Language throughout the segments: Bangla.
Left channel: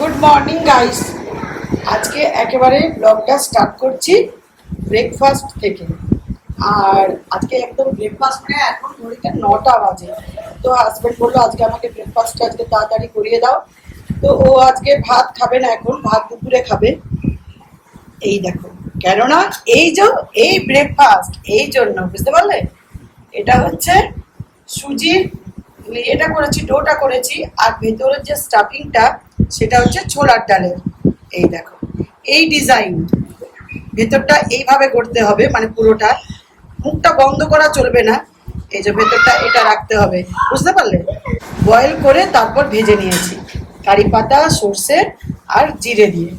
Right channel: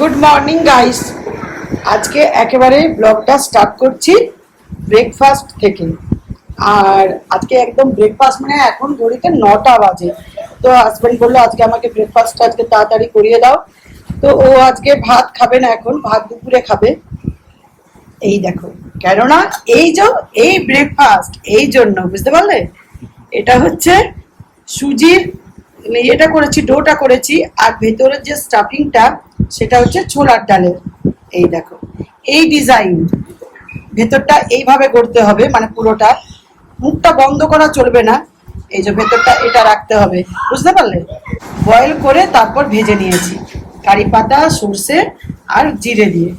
Good morning guys. আজকে একেবারে ব্লগটা স্টার্ট করছি ব্রেকফাস্ট থেকে। আর আজকে একদম ব্রেকফাস্ট মানে এখন ঘড়িতে 9টা বাজে। তো হাজব্যান্ড বললো আজকে আমাকে ব্রেকফাস্টটা আজকে তাড়াতাড়ি করিয়ে দাও। তো ও আজকে ভাত খাবে না, এখন ভাত দুপুরে খাবে। এই দেখো, কেননা এই ব্রেকফাস্ট এই জন্য, বুঝতে পারলে? এটা হচ্ছে সুজির এটা করেছি, ডোটা করেছি, আর ভেতরের যে স্টাফিংটা সেটা হচ্ছে ছোলার ডালের। এই দেখো, এই ডিজাইন, ভেতরটা এইভাবে করতে হবে, মানে পুরোটা মুখটা বন্ধ করা চলবে না। এই যে ভেতরটা এটা রাখতে হবে, বুঝতে পারলে? বয়েল করে তারপর ভেজে নিয়েছি কারি পাতা, সর্ষে আর জিরে দিয়ে।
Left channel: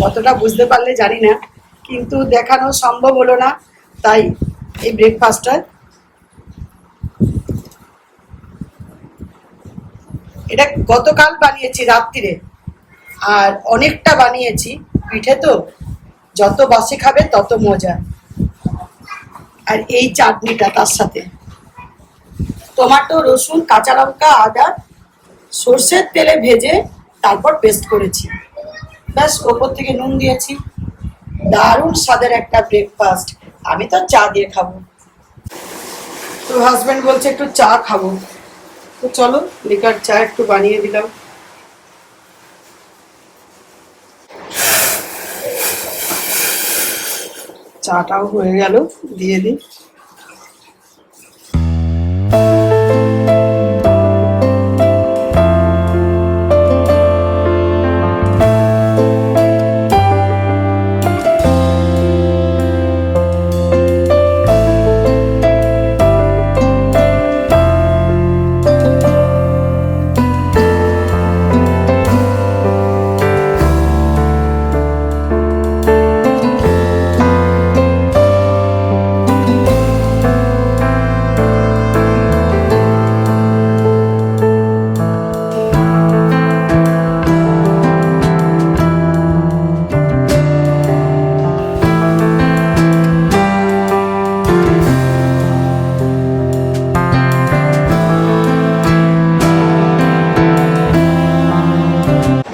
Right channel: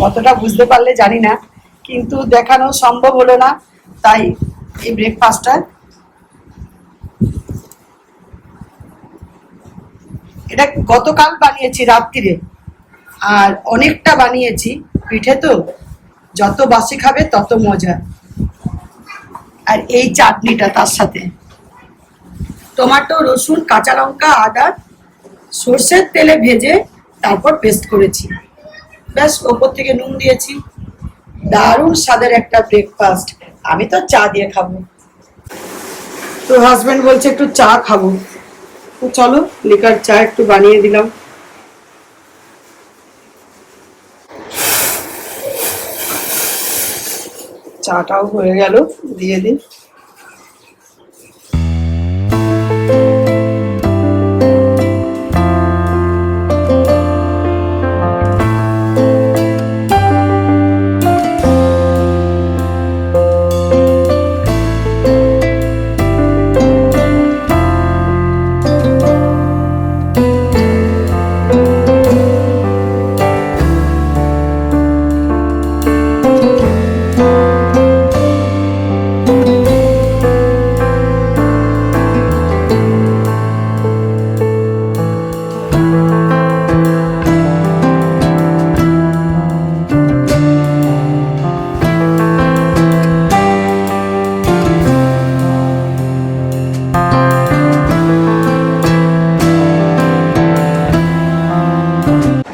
কতটা বুঝতে পারলে জানি না, কিন্তু দেখানো সম্ভব হলো না, তাই এই ব্রেকফাস্টটা। এটা গতকাল বানিয়েছি রাত্রিরে, আর অনেকটা বানিয়েছি। পিঠে তো যত বাসি খাবে তত মজা। আর এই চাটনিটা তার সাথে টমেটো, রসুন, কাঁচা লঙ্কা, আদা সর্ষের তেলে ভেজে তারপর পেস্ট করেছি, ব্যাস। ওপর থেকে নুন দিয়েছি। দারুণ স্বাদের একটা ব্রেকফাস্ট। আমি তো চা দিয়ে খাবো, তো হাজব্যান্ড বলছে একটু চা খাবো, তো চলো লিকার চা একটু বানিয়ে দিলাম। চাটাও হয়ে গেল, দিয়ে দিই।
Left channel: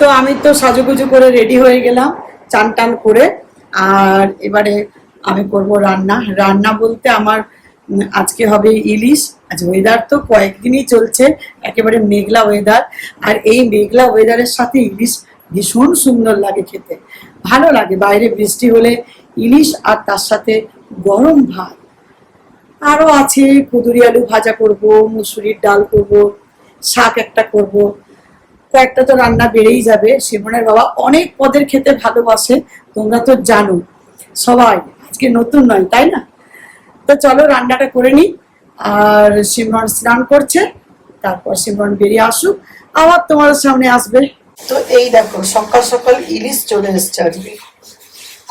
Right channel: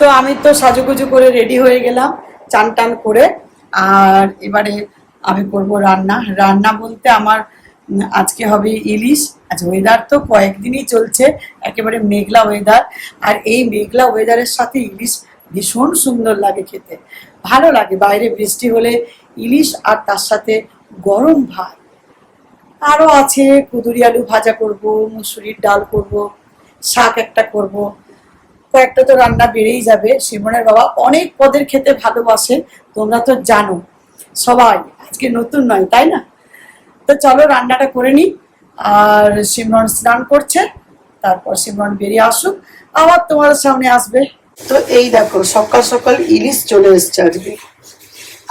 তো আমি তো সাজুগুজু করে রেডি হয়ে গেলাম, চান টান করে। আর এবারে আমি করব রান্না। রান্না বলতে আমার আজকে হবে ইলিশ। আজ ওয়েদার তো কয়েকদিনই চলছে একেবারে মেঘলা ওয়েদার, আর এই মেঘলা ওয়েদারের সাথে ইলিশ ভীষণ সুন্দর লাগে খেতে, ভালো লাগে। বাইরে বৃষ্টি হলে ইলিশ, আর তার সাথে গরম ভাত। আরও আছে, কুঁদুরি আলু ভাজা করব, মুসুরির ডাল করব, শাক একটা করব। কয়েকটা তো রান্না বেড়েই যাবে। সিমনের বাবা অনেক পদের খেতে ভালোবাসে, তোমরা তো জানো সবাই, আজকে নতুন নয় তাই না? তো চলো রান্নাটা করে নিই। আর সিমরন স্নান করছে, তারপর সিমরন বেরিয়ে আসুক, আবার তোমার সামনে আসবে। তো এই দেখো, সকাল সকাল ইলিশ চলে এসছে আজকে।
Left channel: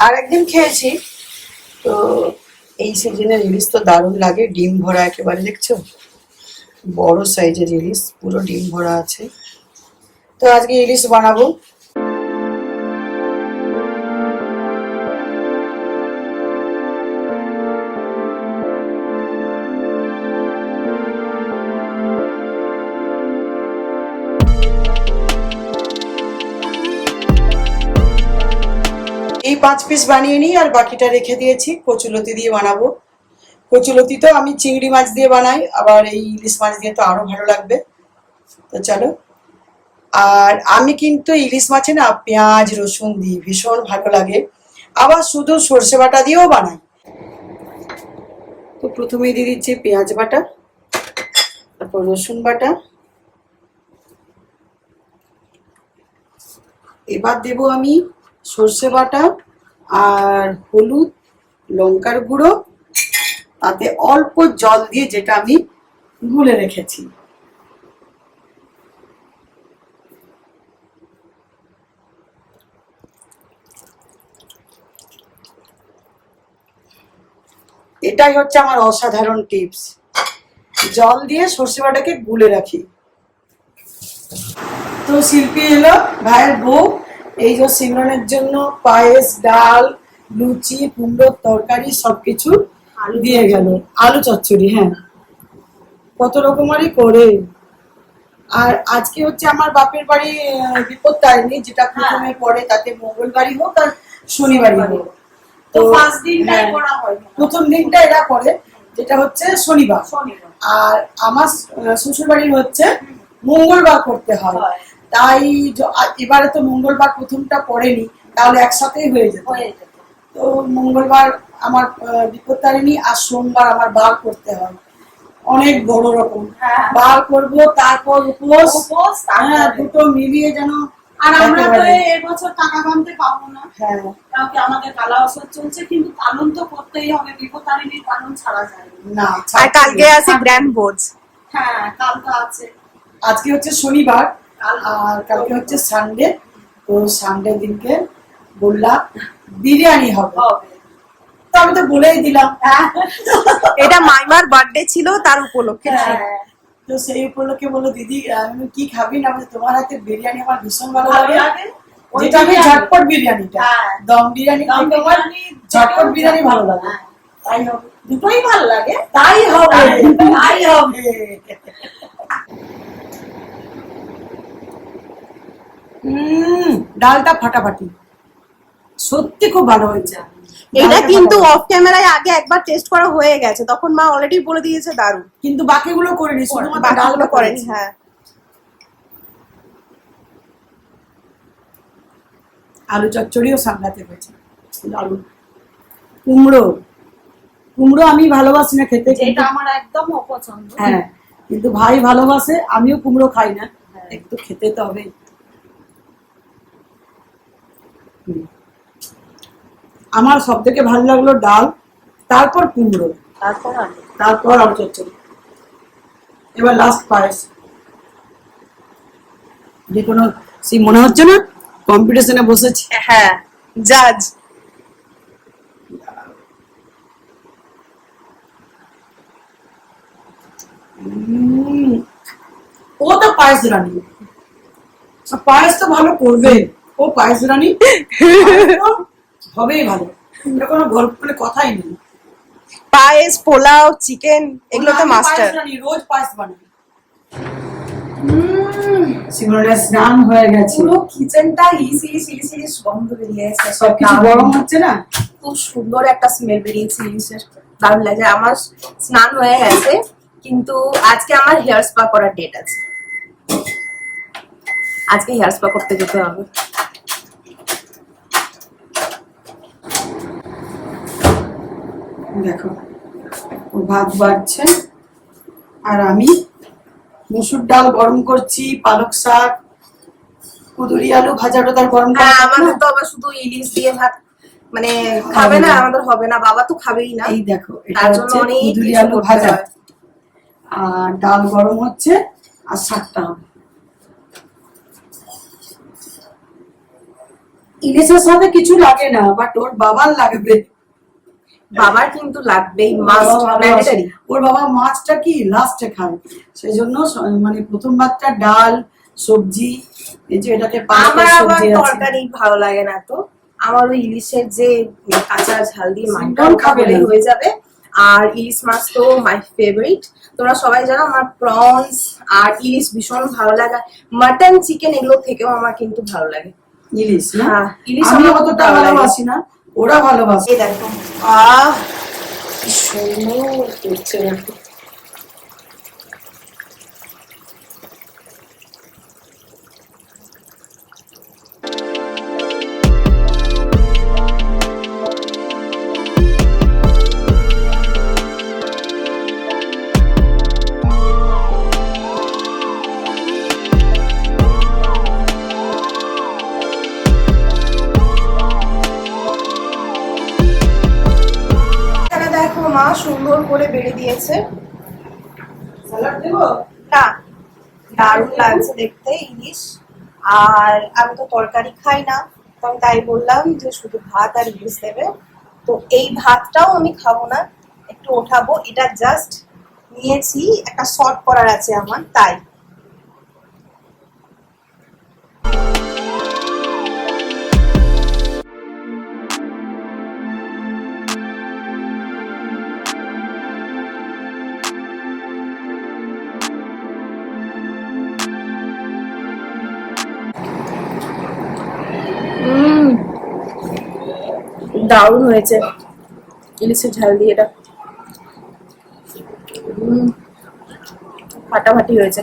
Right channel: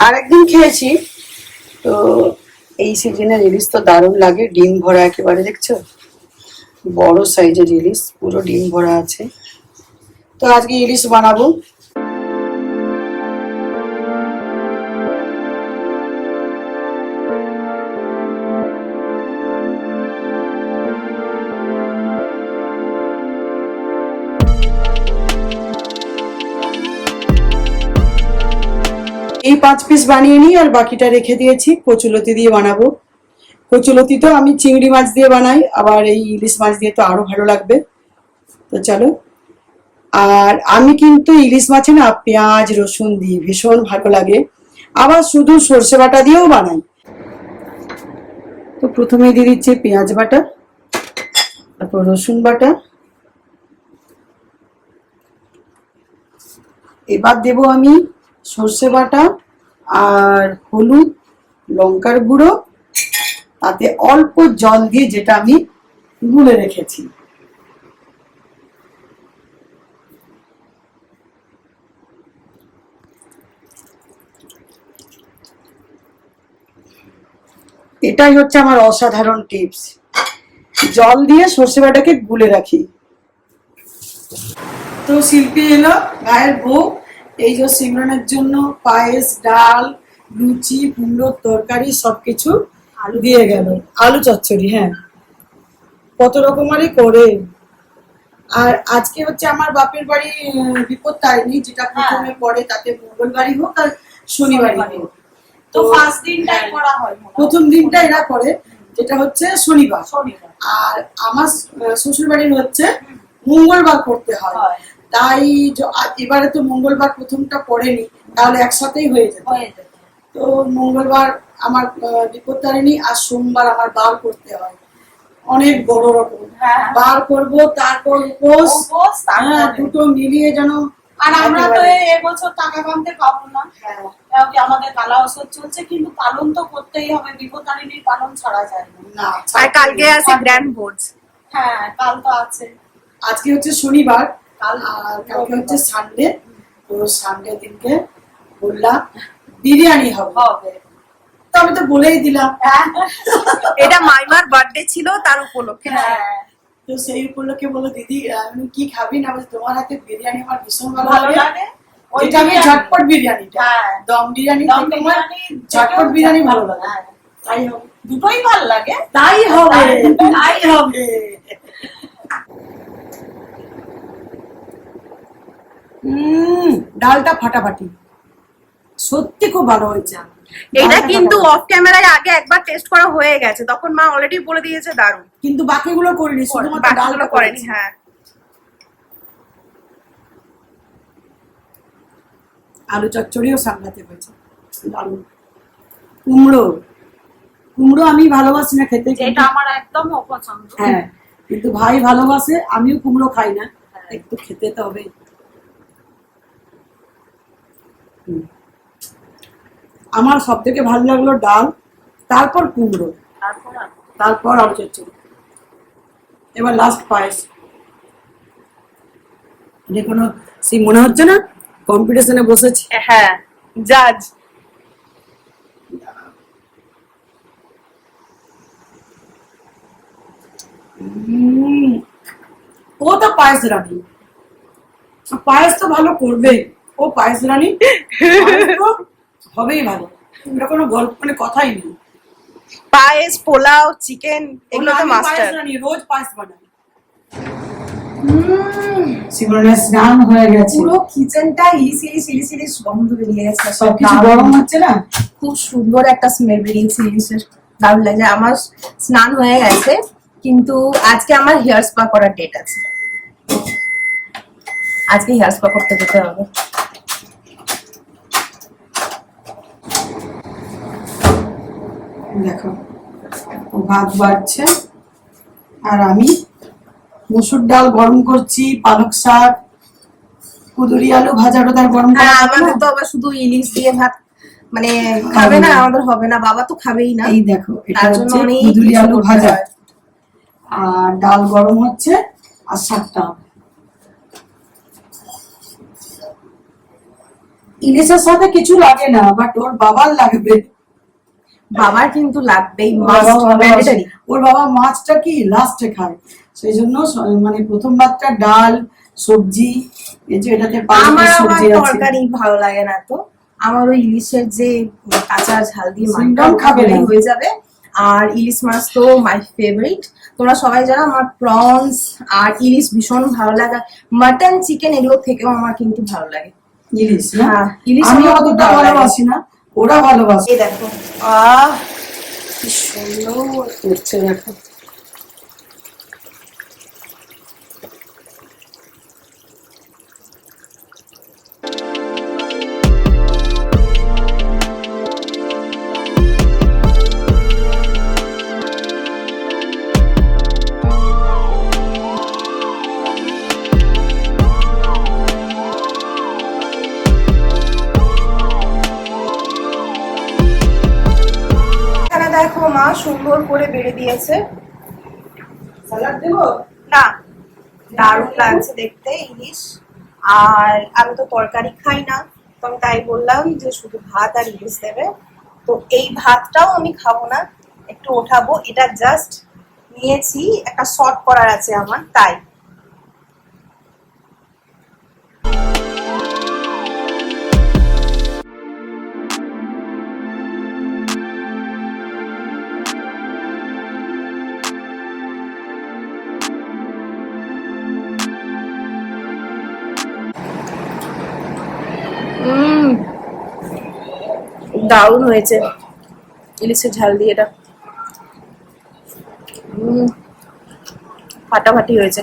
আর একদিন খেয়েছি, তো এই সিজনের ইলিশ তো দারুণ লাগে। ডিম ভরা একেবারে, দেখছো? বড় সাইজের ইলিশ, পুরো ডিম ভরা আছে। তো আজকে ইলিশ বানাবো। এই 5 পিস বানিয়ে নিই, আর বাকিটা রেখে দিয়েছি কচুলতি দিয়ে বানাবো। কচুলতি তো আমি চিংড়ি মাছ দিয়ে বানাই, আবার এই ইলিশ মাছ দিয়ে তো আরো ভালো লাগবে। তো চলো। আর আমি কিন্তু ইলিশ মাছে না পেঁয়াজ রসুন দিই, ভীষণ ভালো লাগে। আবার শুধু সর্ষে বাটা দিয়েও বানাই। তো প্রথমে দিয়ে দিচ্ছি পেঁয়াজ বাটা, তারপর রসুন বাটা, এবার দেব আমি সর্ষে বাটা আর হলুদ, লঙ্কার গুঁড়ো, তাতে অল্প জল দিয়ে, যেটা আমি গুলে রেখেছি। এটাই হচ্ছে আমার অসাধারণ টিপস, জল দিয়ে সর্ষে বাটাকে গুলে রাখি। তো শিল্পী এলো, ভাইয়ের বউ। এই যে সিমরনের জন্য পায়েস, ডাল, লুচি, কুমড়োর তরকারি সবকিছু আলু দিয়ে গেল। আলু চচ্চড়ি, হ্যাঁ, কত রকমারই করে। আর আজকে হচ্ছে আমার বাপের বাড়ি বিপত্তারিণী, যেটা প্রথমে পড়ে, তাতে মঙ্গলবারই হোক আর শনিবারই হোক। তো ফার্স্ট দিনটাই করা হয়, প্রথম দিনটা এরা করে, যেটা হচ্ছে শনিবার। আর আমার শ্বশুর বাড়ির হচ্ছে মঙ্গলবার করতে হয়। তাই এবারে তো মঙ্গলবার প্রথমটা পড়েনি, তাহলে একসাথেই হয়ে যেত। তো মঙ্গলবার আমার বিপত্তারিণী আর সোমবার আমার বার করতে হয়, অনেক বড় রকম বার করব, তারপর উপোস, দুটো মিলিয়ে যেন। আর আমরা তো এবছর টাকা কামাতে পাবো না, আমাদের কালা ওষুধ চলছে, কিন্তু পালন তো করতেই হবে, বিপত্তারিণীর পালন ছাড়া যায় না। আর কালকে আছে গ্র্যান্ড ভোজ। হ্যাঁ, কাল তো আছে। আজকে হচ্ছে শনিবার আর কালকে হচ্ছে সানডে। তো সানডে দিনকে বললাম বিরিয়ানি হবে, তো আমি তো বলেই দিলাম। এটা মাইমার বার্থডে ছিল, তার উপলক্ষে। তো সেই উপলক্ষে বললো দিদি আমি কি খাবি না, তোমার হাতে বিরিয়ানি আমার ভীষণ ভালো লাগে। যেটা আমি ঝটপট বিরিয়ানিটা, দম বিরিয়ানি থেকে আমার ঝটপট বিরিয়ানি ভালো লাগে। তাই হবে, দুটোই ভালো লাগে। তাই হবে, তাই হবে। ডালটা ফাটাফাটি, সত্যি খুব ভালো হয়েছে। এটা কিন্তু অফ ক্যামেরায় আগে একবার টেস্ট করা হয়ে গেছে, তখন মা অলরেডি বলে দিয়েছে দারুণ, কিন্তু বাকিগুলো করিনি, শুধুমাত্র ডালগুলো করেনি। হ্যাঁ, আলু চচ্চড়িও সামলাতে হয়েছে, দারুণ। কুমড়ো, কুমড়ো আমি ভালোবাসি না খেতে, কিন্তু আমার একদম অপছন্দ। হ্যাঁ, কিন্তু ভাই ভালোবাসে, আমিও কুমড়ো খাই না, একটু খেতে তো হবে। আমার সব থেকে ভালো লাগলো ডাল, তারপর কুমড়ো, তারপর আলু চচ্চড়ি, এবার লাস্ট পায়েস। দেখুন, সেই মনে হচ্ছে না কম্পিটিশনে বসেছি। হ্যাঁ, জাজ। ও তো পায়েস রানী, পায়েস তো ভালো করবে, ও পায়েস রানী, হবেই ভালো, এটা কোনো গল্প মানে কথাই নেই। পায়েস, পোলাও, চিকেন, এগুলো তো মাস্টার। রোজ পায়েস বানাই। সিমরনের স্নান হয়ে গেছে, পুরো কিচেনটা ইলিশ ইলিশ গন্ধ বেরিয়েছে, সবকিছু গরম হচ্ছে না, খুব সুন্দর একটা স্মেল বেরিয়েছে ইলিশের, দারুণ লাগে। আমার স্নান হয়ে গেছে, কিন্তু আজকে আমার হেয়ার স্পা করার ডেট আছে, আজকে হেয়ার স্পা করতে যেতে হবে। দেখো ও ভাত বাড়ছে আর আমি মসুর ডাল গরম করছি, পালক শাক, কুদুরি আলু ভাজা টোদার গরম। হ্যাঁ, আমাদের তো আবার শুধু ইলিশ দিয়ে ভাত মানে খাবে না, আমাদের হবে না, বাবা তো খাবেই না। এই দেখো, তার জন্য অনেক কুদুরি কিছু আলু করতে ভাজা হয়। আর ডাল গরম হচ্ছে আর শাকটা হবে। ইলিশের সাথে কিছু লাগে না, বাট ওর বাবার লাগবে। বাবার কিন্তু লাগবেই, ওর বাবা মাছটা কি লাস্টে খায়, সেই জন্য মানে প্রথম ভাতটা ডাল সবজি, এই যে এটাতে আমার আবার সবজি আছে। তরকারি ভালো লাগে না, তো আমার ওই ইলিশের যে কাঁচা ঝাল দিয়ে মাছটা খাবে হয়ে যাবে। আর ইলিশ মাছ তো মাই ফেভারিট, তোমরা সবাই জানো আমার প্রনস আর ইলিশ ভীষণ ভালো লাগে। মাটন, চিকেন এগুলো থেকেও আমার কিন্তু ভালো লাগে ইলিশ। হ্যাঁ, ইলিশ আমি অতটা ভালোবাসি না, ওরা ভালোবাসে। এই দেখো, কি সুন্দর করছে দেখো। দেখো মা সুন্দর করে বেড়ে দিয়েছে। সালাড দেবো না, দারুণ লাগছে দেখতে ইলিশ। আর আমি তো তরকারি খাই না, তো আমি তাই বললাম যে শুধু ভাত আর ইলিশ দেবে। তো এই ভাতটাও আমি খাবো না, একটু ওঠাবো, এটা জাস্ট নিয়েছি, একটা শর্ট করার আছে আমার, তাই। দারুণ হয়েছে ইলিশের ঝাল দিয়ে এটা। ফাটাফাটি হয়েছে।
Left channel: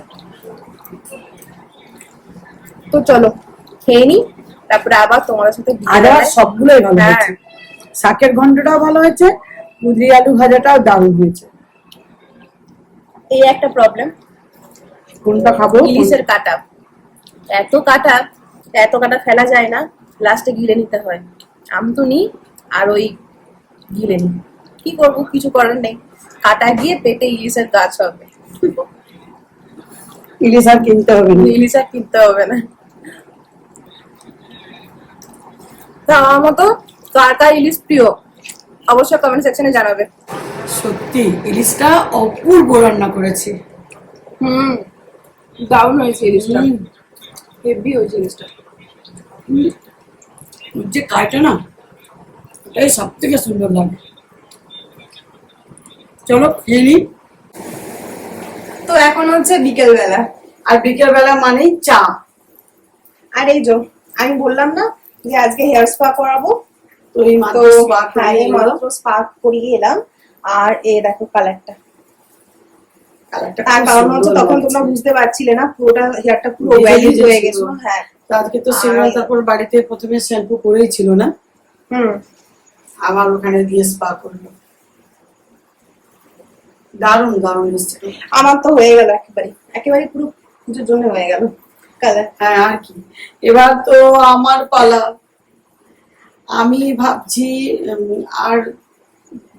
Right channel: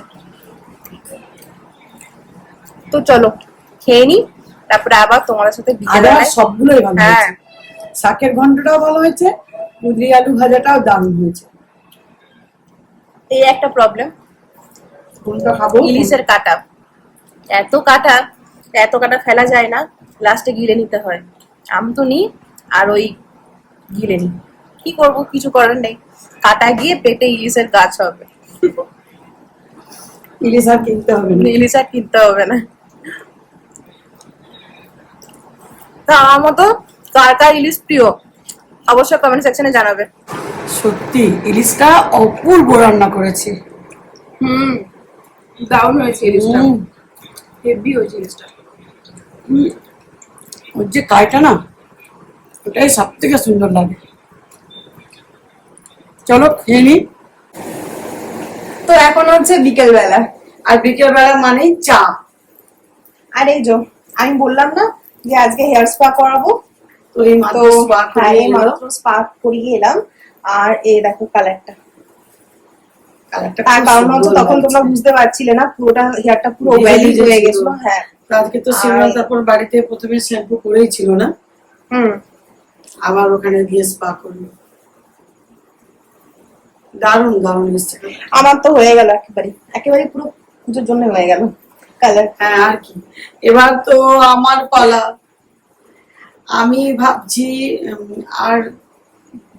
তো চলো খেয়ে নি, তারপরে আবার তোমাদের সাথে আদার সবগুলোই ভালো হ্যাঁ। হয়েছে। শাকের ঘন্টটাও ভালো হয়েছে, কুঁদরি আলু ভাজাটাও দারুণ হয়েছে। এই একটা প্রবলেম, কোনটা খাবো? ইলিশের কাটা, এত কাটা, এত কাটা ফেলা যায় না, লাস্টে গিলে নিতে হয়। আমি তো নি আর ওই গিলে নি, কি করবো, কিছু করার নেই। কাটা গিয়ে পেটে ইলিশের গাছ হবে। ইলিশ আর কিনতে হবে না। ইলিশ আর কিনতে হবে না। তা আমার মতো কার কার ইলিশ প্রিয় অবশ্যই কমেন্ট সেকশনে জানাবে। সত্যি ইলিশটা অপূর্ব রান্না করেছে। দারুণ হয়েছে ইলিশটা, হুম। হেভি হয়েছে ইলিশটা। ওর যে কাইটা না, ওটাই সব থেকে সুন্দর লাগে। চলো খেয়ে নি। তো এখন হচ্ছে বিকেল বেলা, আর বিকেল বেলা মানেই চা। আর এই যে আমি বললাম না যে আজকে হেয়ার স্পা করাবো, তো এই মাত্র তো spa করে হ্যাঁ এই এলো। মাত্র স্পা করিয়ে এলাম। আর এই দেখো কালারটা, কালারটা তার খুব কারণ হচ্ছে সুন্দর তখন লাগছে। তোমরা বুঝতে পারছিলে না, পুরোটা হেয়ারটা পুরো ভিজে ওয়েলি ভিজে হয়ে ছিল। গেছিল। হ্যাঁ তো আজকে তো সিনেমা, তারপর বাড়িতে প্রথমে শ্যাম্পু করেই ছিল না, আবার ওখানে দিয়ে স্পা করলো। দারুণ দারুণ এসছে। আমার তো হয়ে গেল একেবারে, একেবারে পুরো পুজোর জন্য হয়ে গেল কালার। হ্যাঁ আর কি, এবার তো আমার পালা। আমি ভাবছি আর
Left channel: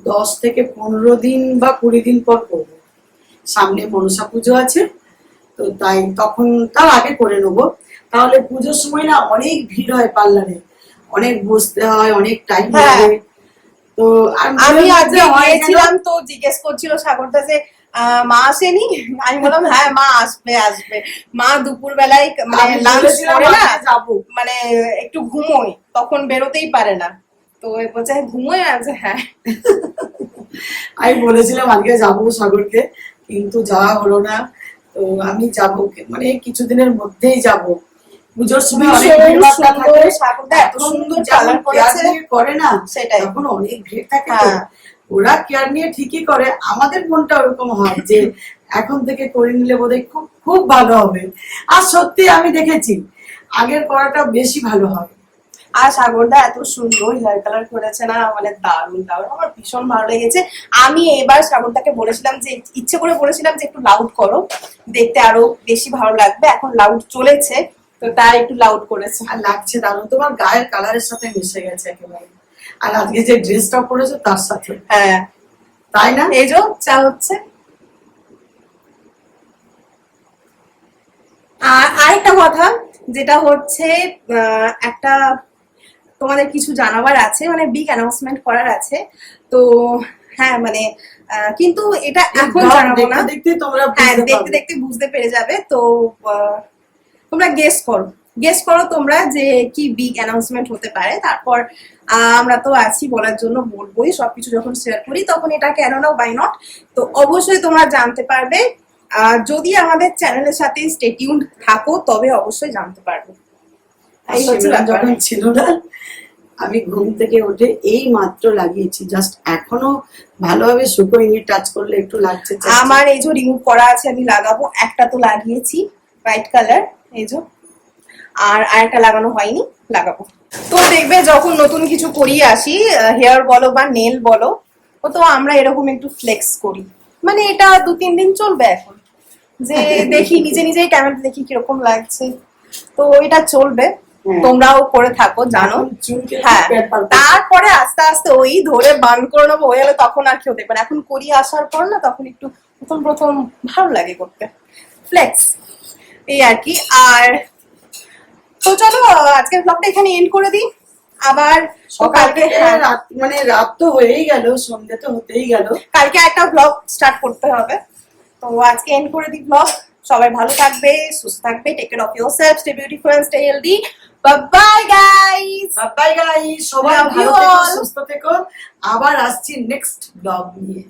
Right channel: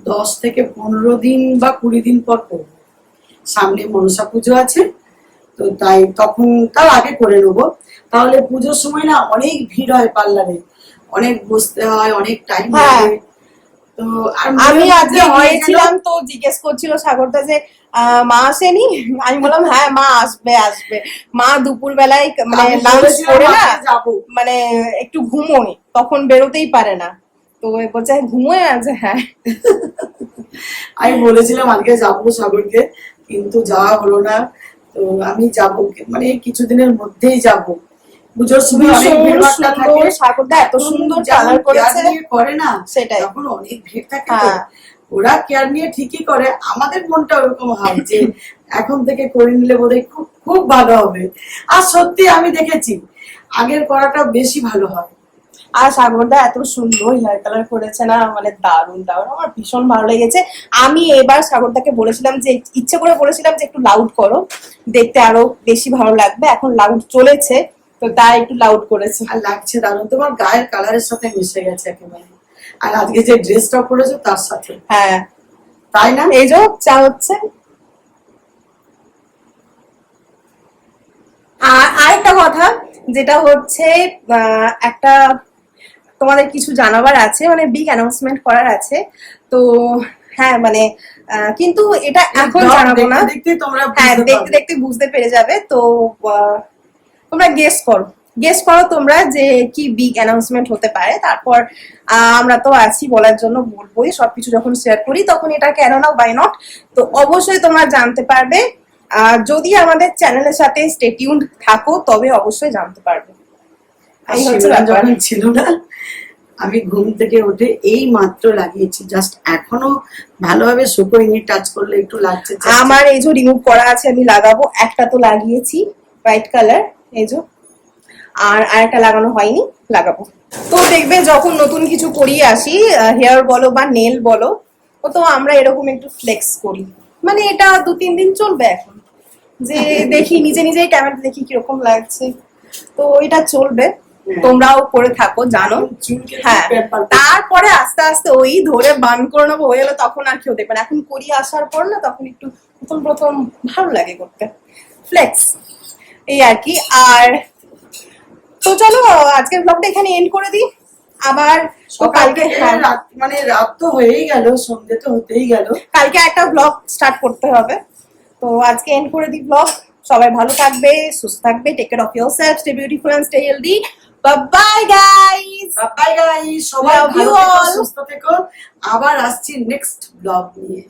10 থেকে 15 দিন বা 20 দিন পর করবো। সামনে মনসা পুজো আছে, তো তাই তখন তার আগে করে নেবো। তাহলে পুজোর সময় না অনেক ভিড় হয় পার্লারে, অনেক বসতে হয়, অনেক টাইম হ্যাঁ। লাগে। তো আর আমি মনের আজকে মধ্যে হয় যেন- গিয়েছিলাম তো জিজ্ঞেস করছিল সাগরদা যে মা আসেনি, আমি বললাম হ্যাঁ মা আসবে আসবে। মা দুপুর বেলায় মানে আমি লাঞ্চ ভেবেছিলাম করে না আজকে যাবো। মানে একটু ঘুমোয়, তখন বেরোতেই পারে না। তো বলছে ঘুমোয়, আছে হ্যাঁ। আমি বলেছিলাম আজকে যাবো সাগরকে, কিন্তু যাওয়া হলো না। তো আমি যাবো, মানে কিছুদিনের মধ্যেই যাব। পুজোর সময় অনেক ভীষণ ভিড়ভাট্টা থাকে, সুন্দর, সাগরদা এত এখন সুন্দর যেমন কালার care করেছে। নিয়ে করে না, সেটাই। তখন অনেক ভিড় থাকে। তো হ্যাঁ। ওরা কেয়ার নিয়ে ঠিকই করে, আমাদের মনটা ওরকম হয় যে এখন থেকে করে নিলে বোধহয় খুব খুব ভালো হবে। আর সত্যি আমি দেখেছি আগের করাটা বেশি ভালো হয়। আর সাগরদা এত সুন্দর হেয়ার কালার করেছে না, মানে দারুণ দারুণ, আমার ভীষণ ভালো লেগেছে। আমি এবার সাগরদাকে বলেছিলাম যে ইচ্ছে করে বলেছিলাম যে একটু লাউড করো, দেখতে আরো বেশি ভালো লাগবে। এখন লাউড চলেছে, তো তাই একটু লাউড করেছে। আর লাগছে দারুণ, তোমার গায়ের কালারের সাথে মিশে গেছে একেবারে। আর আজকে যে ড্রেসটা পরেছো তার সাথে, হ্যাঁ তাই না? এই যে চা হচ্ছে। আর আরেকটা কথা যেটা হচ্ছে একটা তোমাদের কিছু জানাবার আছে, মানে বিগ অ্যানাউন্সমেন্ট করার আছে। তো হ্যাঁ মানে কিন্তু এটা এখন জানাবো না, দেখতে তোমরা হ্যাঁ বুঝতে দেখতে পারবে। দেখতে বুঝতে পেরে যাবে। তো তোমরা গেস করো তোমরা যে কি বিগ অ্যানাউন্সমেন্ট হতে পারে। তারপর আমরা তো আছি বলার জন্য, বলবোই সবকিছু যখন শেয়ার করি তখন এটা কেন না বাই নট। তো অবশ্যই তোমরা জানতে পারবে, যদি আমাদের চ্যানেলের সাথে স্টে টিউনড থাকো তবে অবশ্যই জানতে পারবে। আর এই হচ্ছে শিবরাম ব্যাপার। যখন ছিল না, আমি ঘুম থেকে উঠে এই মাত্র লাগিয়েছি, জাস্ট এখনো ভালোভাবে শুকোয়নি, টাচ করলে একটু লাগছে। আমার এই যে রিমুভ করা আছে, আমি লাগাবো। একটা তো লাগিয়েছি হোয়াইট কালার, এই যে, আর আরেকটা লাগানো হয়নি, লাগাবো। তো দেখবে যখন নতুন কিছু করিয়ে আসি, হেয়ার বলো বা নেল বলো, ও তো আমরা এরকম একটু ফ্লেক্স করি। মানে এটা 2-3 দিন চলবে এখন, যে দেখি নিজে নিজেই ক্যামেরা দেখি কিরকম লাগছে, তো এটা চলবে। তোমরাও করে থাকো জানো। হ্যাঁ তারপরে আস্তে আস্তে ওই ধরে বান করে নেবো, হয়ে গেলে তখন আর কেউ দেখবে না। এখন করিয়ে আসার পর না, তখন একটু প্রথম প্রথম ভালো লাগে করতে ফ্লেক্স, এই আর কি। আর তো চলো আজকের ব্লগটা এখানে এন্ড করে দিই। আবার কালকে মানে রাত তো হয়েই গেল, সন্ধ্যে তো হতেই গেল, কালকে একটা ব্লগ স্টার্ট করতে হবে। তো আজকে এন্ড করে দিই ব্লগ। সবাই ভালো থাকবে, সুস্থ থাকবে, take care of yourself, stay beautiful and stay healthy. Bye guys, bye guys, সবাই Love ভালো you থেকো, all. সুস্থ থেকো। আবার আসছি নেক্সট ব্লগ নিয়ে।